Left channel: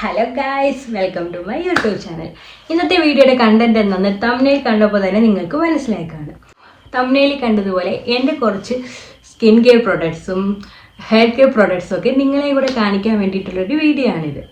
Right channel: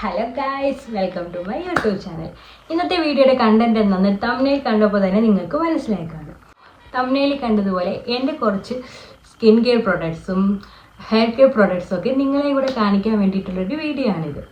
Hello guys, welcome to my YouTube channel. ഇന്നത്തെ വീഡിയോയുടെ content എന്താണെന്ന് തംബ്നെയിൽ കണ്ടപ്പോൾ തന്നെ നിങ്ങൾക്ക് മനസ്സിലായി കാണും. തംബ്നെയിൽ കണ്ടതുപോലെ എൻ്റെ കുറച്ച് സ്കിൻ കെയർ പ്രൊഡക്ട്സും ഹെയർ കെയർ പ്രൊഡക്ട്സും ഒക്കെ നിങ്ങളെ കൂടെ കാണിക്കാൻ വേണ്ടിയിട്ടുള്ളൊരു വീഡിയോ ആണിത്.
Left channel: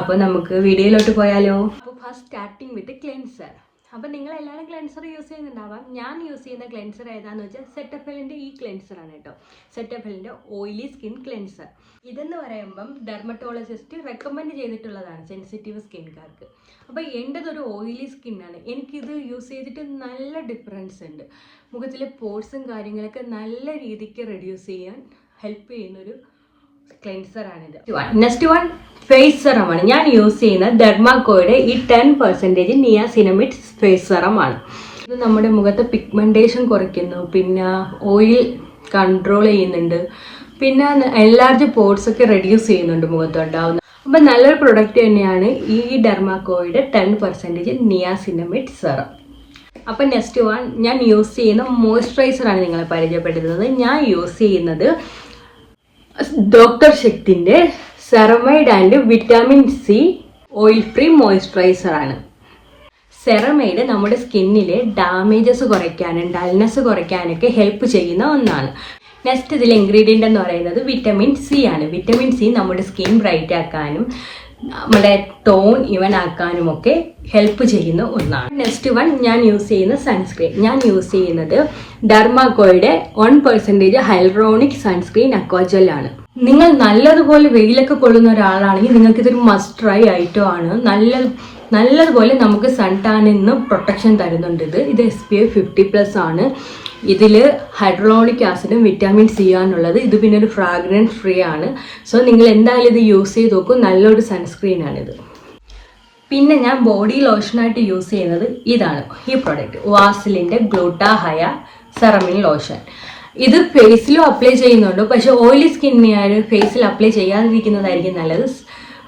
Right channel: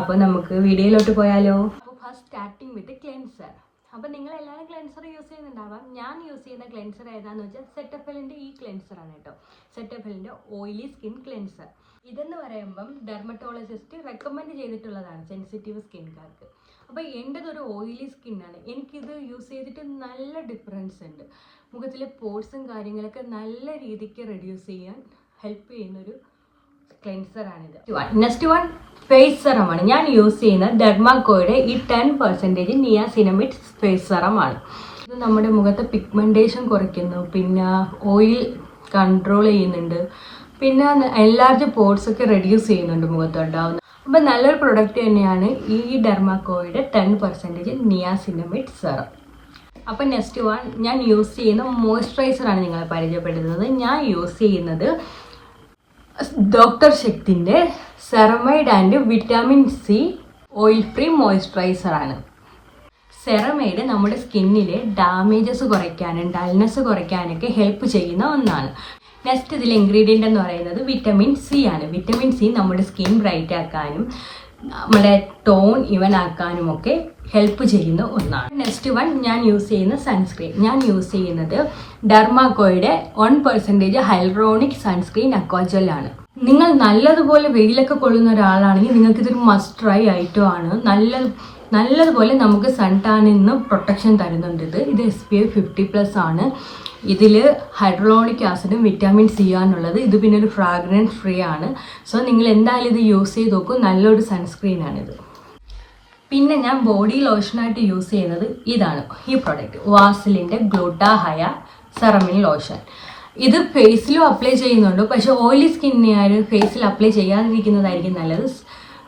അപ്പോൾ നമുക്ക് വീഡിയോയിലോട്ട് പോയാലോ. അപ്പോൾ ഫസ്റ്റ് സ്റ്റാർട്ടിങ് വിത്ത് ക്ലെൻസർ. അപ്പോൾ നിങ്ങളെല്ലാവരും ക്ലെൻസർ യൂസ് ചെയ്യുന്നുണ്ടാവാം. ഞാൻ യൂസ് ചെയ്യുന്ന ക്ലെൻസർ ഏതാണെന്ന് വെച്ചാൽ സെറ്റഫെലിൻ്റെ ഈ ക്ലെൻസറാണ് കേട്ടോ. സെറ്റഫെലിൻ്റെ ഓയിലി സ്കിൻ ക്ലെൻസർ. ഇതെന്ന് പറയുമ്പം ഡെർമറ്റോളജിസ്റ്റ് റെക്കമെൻഡ് ചെയ്തിട്ടുള്ളതാണ് സെൻസിറ്റീവ് സ്കിൻകാർക്ക്. അപ്പോൾ എൻ്റെതൊരു ഓയിലി സ്കിന്നാണ്. എനിക്കിത് യൂസ് ചെയ്തിട്ട് നല്ല ഡിഫറൻസ് ഉണ്ട്. മുഖത്തിലെ പോർട്സും കാര്യങ്ങളൊക്കെ നല്ല രീതിക്ക് റെഡ്യൂസ് ചെയ്യാൻ ഹെൽപ്പ് ചെയ്യുന്നൊരു ക്ലെൻസറാണിത്. നെക്സ്റ്റ് വൺ ഫേസ് സെറമാണ്. ഞാൻ യൂസ് ചെയ്യുന്ന ഡെർമാക്കോയുടെ ഈ 10% നിയാസിനമിഡ് ഫേസ് സെറമാണ്. ഇത് നമ്മുടെ മുഖത്തെ പിഗ്മെൻറ്റേഷൻ കുറയ്ക്കുന്നു, പിന്നെ ഓയിൽ കൺട്രോൾ ചെയ്യുന്നുണ്ട്, പിന്നെ എൻലാർജ് പോർട്സ് ഒക്കെ റെഡ്യൂസ് ചെയ്യുന്നുണ്ട് മുഖത്തുണ്ടാവുന്ന. അപ്പം നല്ലൊരു പ്രൊഡക്റ്റ് തന്നെയാണ് ഈ ഡെർമാക്കോയുടെ 10% നിയാസിനമിഡ് സെറം. അപ്പം നെക്സ്റ്റ് വൺ ഞാൻ യൂസ് ചെയ്യുന്ന മോയ്സ്ചറൈസറാണ് നിങ്ങളെ പരിചയപ്പെടുത്തുന്നത്. ഞാൻ യൂസ് ചെയ്യുന്നത് ഡോക്ടർ ശക്തിൻ്റെ ceramide and vitamin C oil free മോയ്സ്ചറൈസറാണ്. സെറമൈഡ് നമ്മുടെ സ്കിന്നിലെ ഡാമേജസ് കുറയ്ക്കാനും ഡൾനെസ് കുറയ്ക്കാനൊക്കെ ഹെൽപ്പ് ചെയ്യുന്ന ഒന്നാണ്. നെക്സ്റ്റ് ഇതിലെ ഇൻഗ്രീഡിയൻ്റ് എന്ന് പറയുന്നത് വിറ്റമിൻ സി ആണ്. വിറ്റമിൻ സി നമ്മുടെ സ്കിൻ ബ്രൈറ്റ് ആക്കാനും നമ്മുടെ ടോൺ ഇവൻ ആക്കാനും ഒക്കെ ഹെൽപ്പ് ചെയ്യുന്ന ഒന്നാണ്. നെക്സ്റ്റ് വൺ ഞാൻ യൂസ് ചെയ്യുന്ന സൺസ്ക്രീൻ. ഞാൻ യൂസ് ചെയ്യുന്നത് ഡെർമാക്കോയുടെ 1% ഹൈലറോണിക് സൺസ്ക്രീൻ അക്വാജെല്ലാണ്. നിങ്ങൾ നല്ലതുപോലെ വെയിലൊക്കെ കൊള്ളുന്ന ഒരാളാണെങ്കിൽ നിങ്ങൾക്കിതൊരു മസ്റ്റ് ട്രൈ ഐറ്റം ആണ്. നല്ലതുപോലെ നമുക്ക് സൺ ടാനിൽ നിന്ന് പ്രൊട്ടക്ഷൻ തരുന്നുണ്ട്. ഇത് SPF 50+ ആണ്. ഇതിൽ ഹൈഡ്രോണിക് ആസിഡും വിറ്റാമിൻ സി ആണുള്ളത്. ഇത് പിന്നെ ഒരു ഫ്രാഗ്രൻസ് ഫ്രീ ആണ്. സോ നിങ്ങൾ എന്തായാലും ഇത് യൂസ് ചെയ്ത് നോക്കും. നല്ലൊരു സൺസ്ക്രീനാണിത്. പിന്നെ ഞാൻ ബോഡി ലോഷനായിട്ട് യൂസ് ചെയ്യുന്നത് ഇതാണ്, ഈ പ്രൊഡക്റ്റ് വാസിലിൻ്റെ ഗ്ലൂട്ടാഹയ സെറമിൻ ലോഷൻ. ഇത് ഫേസിലും അപ്ലൈ ചെയ്യുന്നുണ്ട്. പക്ഷേ ഓയിലി സ്കിന്നിന് ഫേസിൽ അപ്ലൈ ചെയ്യാതിരിക്കുന്നതായിരിക്കും നല്ലത്.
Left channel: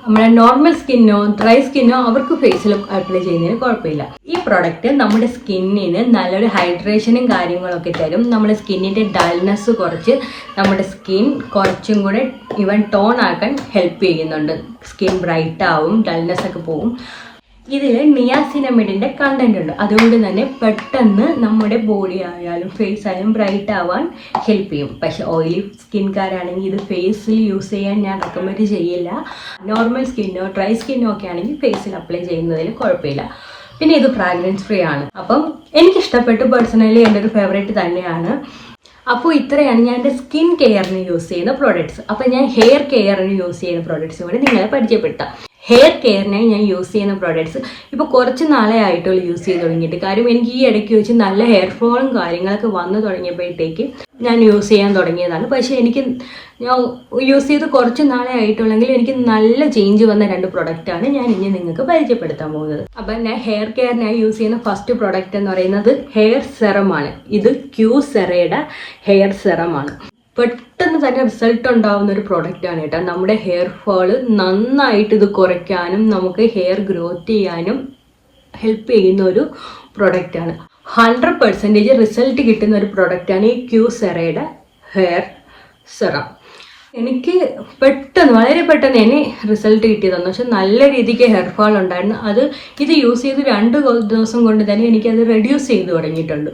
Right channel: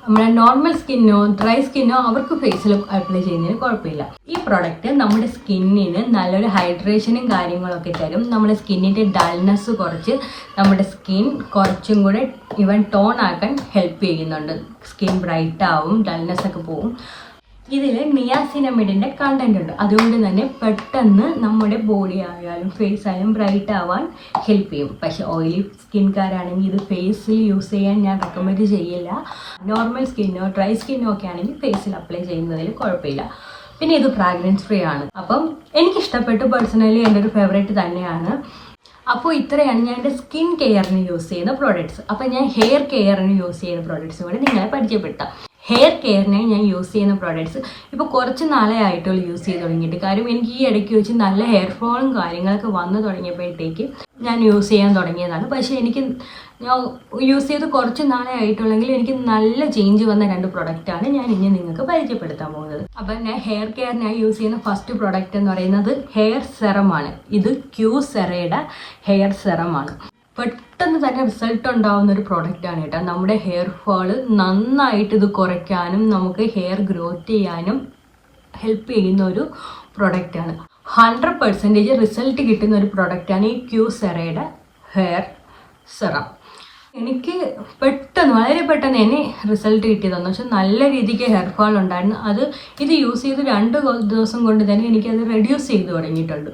നമ്മുടെ നോർമൽ സ്കിന്നോ ഡ്രൈ സ്കിന്നോ അവർക്ക് ഫേസിൽ അപ്ലൈ ചെയ്യുന്നതിന് കുഴപ്പമില്ല. ഈ പ്രൊഡക്റ്റ് നമ്മുടെ സ്കിന്നിന് നല്ലൊരു ഹൈഡ്രേഷനും കാര്യങ്ങളൊക്കെ തരും. നമ്മുടെ സ്കിന്നിൻ്റെ ഡൾനെസ് കുറച്ച് നമ്മുടെ സ്കിൻ കുറച്ചും കൂടെ ഇവൻ ടോൺ ആക്കാൻ ഹെൽപ്പ് ചെയ്യുന്നുണ്ട്. സ്കിൻ ബ്രൈറ്റ് ആവും, ഡൾനെസ് ഒക്കെ പോവും. ഇതിൽ നിയാസിനമിഡിൻ്റെ കണ്ടന്റ് ഉണ്ട്. അതുകൊണ്ട് തന്നെ പെട്ടെന്ന് നമ്മുടെ ബോഡി ആയാലും ഫേസ് ആയാലും ബ്രൈറ്റ് ആവാൻ ഹെൽപ്പ് ചെയ്യും. പക്ഷേ ഓയിലി സ്കിൻകാരാണെങ്കിൽ ഇത് ഫേസിൽ യൂസ് ചെയ്യാൻ ഞാൻ റെക്കമെൻഡ് ചെയ്യില്ല. നോർമൽ സ്കിന്നോ ഡ്രൈ സ്കിന്നോ ഒക്കെ ആണെങ്കിൽ ഫേസിൽ അപ്ലൈ ചെയ്യുന്നതിൽ കുഴപ്പമില്ല. പിന്നെ ഇത് ഫ്രാഗ്രൻസ് ഫ്രീ ആണ്. അപ്പം എനിക്കിഷ്ടപ്പെട്ടു. പേഴ്സണലി എൻ്റെ ഒരു ഫേവറേറ്റ് തന്നെയാണ്. അപ്പോൾ ഇത്രയാണ് ഞാൻ എൻ്റെ സ്കിൻ കെയറിന് യൂസ് ചെയ്യുന്ന പ്രോഡക്റ്റ്സ്. അപ്പോൾ ഞാൻ ഹെയർ കെയറിന് യൂസ് ചെയ്യുന്ന പ്രോഡക്റ്റ്സ് കൂടി നിങ്ങളെ പരിചയപ്പെടുത്താം. ഹെയർ കെയറിനായി ഞാൻ യൂസ് ചെയ്യുന്ന പ്രോഡക്ട്സ് ഇപ്പോൾ കുറച്ച് നാളെ ആയിട്ടുള്ളൂ യൂസ് ചെയ്ത് തുടങ്ങിയിട്ട്. കാര്യം എനിക്ക് ഈ ഇടയ്ക്ക് വെച്ച് നല്ല ഹെയർ ഫോളും കാര്യങ്ങളൊക്കെ വന്നു തുടങ്ങിയപ്പോഴത്തേക്ക് ഞാൻ യൂസ് ചെയ്യാൻ തുടങ്ങിയതാണ്. പക്ഷേ ഞാൻ യൂസ് ചെയ്ത് കുറച്ച് നാളെ ആയിട്ടുള്ളെങ്കിൽ എനിക്ക് നല്ല ചേഞ്ച് വന്ന 2 പ്രൊഡക്റ്റാണ് ഞാൻ ഇനി നിങ്ങൾക്ക് പരിചയപ്പെടുത്താൻ പോകുന്നത്. അപ്പം ഞാൻ ഹെയർ കെയറിനായി യൂസ് ചെയ്യുന്ന ഫസ്റ്റ് പ്രൊഡക്റ്റ് എന്ന് പറയുന്നത് ഹെയർ സെറമാണ്. ഇത് ക്യൂസെറയുടെ ഹെയർ സെറമാണ്. പെട്ടെന്ന് തന്നെ റിസൾട്ട് ഉണ്ടാവുന്ന ഒരു പ്രൊഡക്റ്റാണ് കേട്ടോ. നമ്മുടെ ഹെയർ ഫോള് നന്നായിട്ട് ഇത് കുറയ്ക്കാനും നമുക്ക് ഹെയർ ഗ്രോത്ത് ചെയ്യാനും ഹെൽപ്പ് ചെയ്യുന്ന ഒരു പ്രൊഡക്റ്റാണ്. 100% റിസൾട്ട് കിട്ടുന്ന ഒരു പ്രൊഡക്റ്റാണ് ഈ ക്യൂസെറയുടെ ഹെയർ സെറം. എനിക്ക് വളരെ പെട്ടെന്ന് തന്നെ റിസൾട്ട് കിട്ടിയതാണ്. പക്ഷെ നല്ല രീതിക്ക് ഹെയർ ഫാൾ ഉണ്ടായിരുന്നു. ഇത് യൂസ് ചെയ്ത് 2 ദിവസം കൊണ്ട് തന്നെ എനിക്കത് റെഡ്യൂസ് ചെയ്ത് തുടങ്ങിയിട്ടുണ്ട്.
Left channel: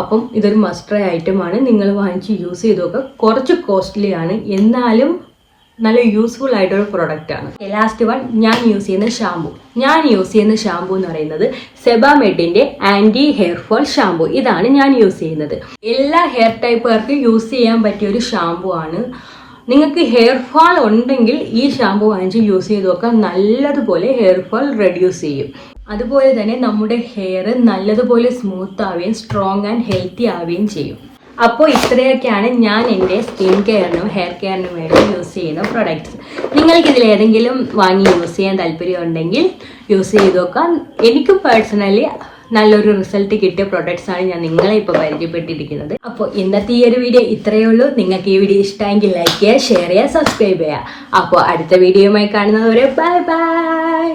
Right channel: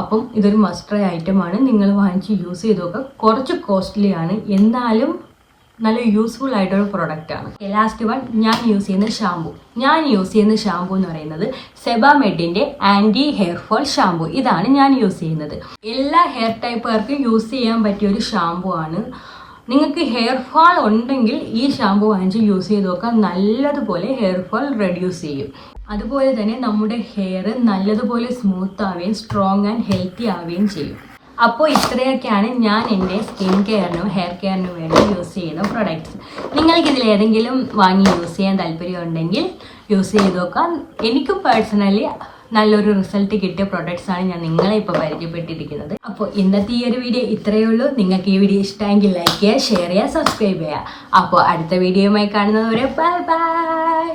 അപ്പം ഇതൊരു മസ്റ്റ് ട്രൈ ഐറ്റമാണ്. നിങ്ങൾ വാങ്ങിച്ച് യൂസ് ചെയ്ത് നോക്കുക. കുറച്ച് കോസ്റ്റ്ലി ആണ്, എന്നാലും നല്ല യൂസ്ഫുൾ ആയിട്ടൊരു പ്രൊഡക്റ്റാണ്. ലാസ്റ്റ് വൺ ഞാൻ യൂസ് ചെയ്യുന്ന ഷാമ്പു. ഞാൻ യൂസ് ചെയ്യുന്ന ഷാമ്പു എന്ന് പറയുന്നത് സെബാമെഡിൻ്റെ ആൻറ്റി ഹെയർ ഫോൾ ഷാമ്പു. ഇതാണ് ഞാൻ യൂസ് ചെയ്യുന്നത്. എല്ലാ ഹെയർ ടൈപ്പുകാർക്കും യൂസ് ചെയ്യാൻ പറ്റിയ ഒരു ഷാമ്പു ആണ്. നിങ്ങൾക്ക് ഹെയർ ഫാൾ ഉണ്ടെങ്കിൽ ഈ ഷാമ്പു വാങ്ങിച്ച് യൂസ് ചെയ്ത് നോക്കാം. നല്ലതുപോലെ ഹെയർ ഫാൾ റെഡ്യൂസ് ചെയ്യും. അതുപോലെ തന്നെ നമ്മുടെ ഹെയർ നല്ലതുപോലെ സ്മൂത്ത് ആവുകയും സ്ട്രോങ് ആൻഡ് ഹെൽത്തി ആവുകയും ചെയ്യും. അപ്പോൾ ഇത്രയൊക്കെയാണ് ഞാൻ എൻ്റെ സ്കിൻ കെയറിനും ഹെയർ കെയറിനും വേണ്ടി യൂസ് ചെയ്യുന്ന പ്രൊഡക്ട്സ്. നിങ്ങൾക്കിതിൽ ഏതെങ്കിലും വാങ്ങി യൂസ് ചെയ്യാൻ താല്പര്യമുണ്ടെങ്കിൽ യൂസ് ചെയ്ത് നോക്കാം. എനിക്ക് പേഴ്സണലി നല്ലൊരു റിസൾട്ട് കിട്ടിയ പ്രൊഡക്ട്സാണ് ഞാൻ നിങ്ങളെ ഇപ്പോൾ പരിചയപ്പെട്ടിരിക്കുന്നത്. അപ്പോൾ ഇന്നത്തെ ഈ ഒരു വീഡിയോ ഇത്രയേ ഉള്ളൂ. നിങ്ങൾക്ക് ഈ വീഡിയോ ഇഷ്ടമെങ്കിൽ ലൈക്ക് ചെയ്യുക, ഷെയർ ചെയ്യുക, സബ്സ്ക്രൈബ് ചെയ്യുക. അപ്പോൾ അടുത്ത വീഡിയോയുമായി കാണുന്നതുവരെ ബൈ ബൈ.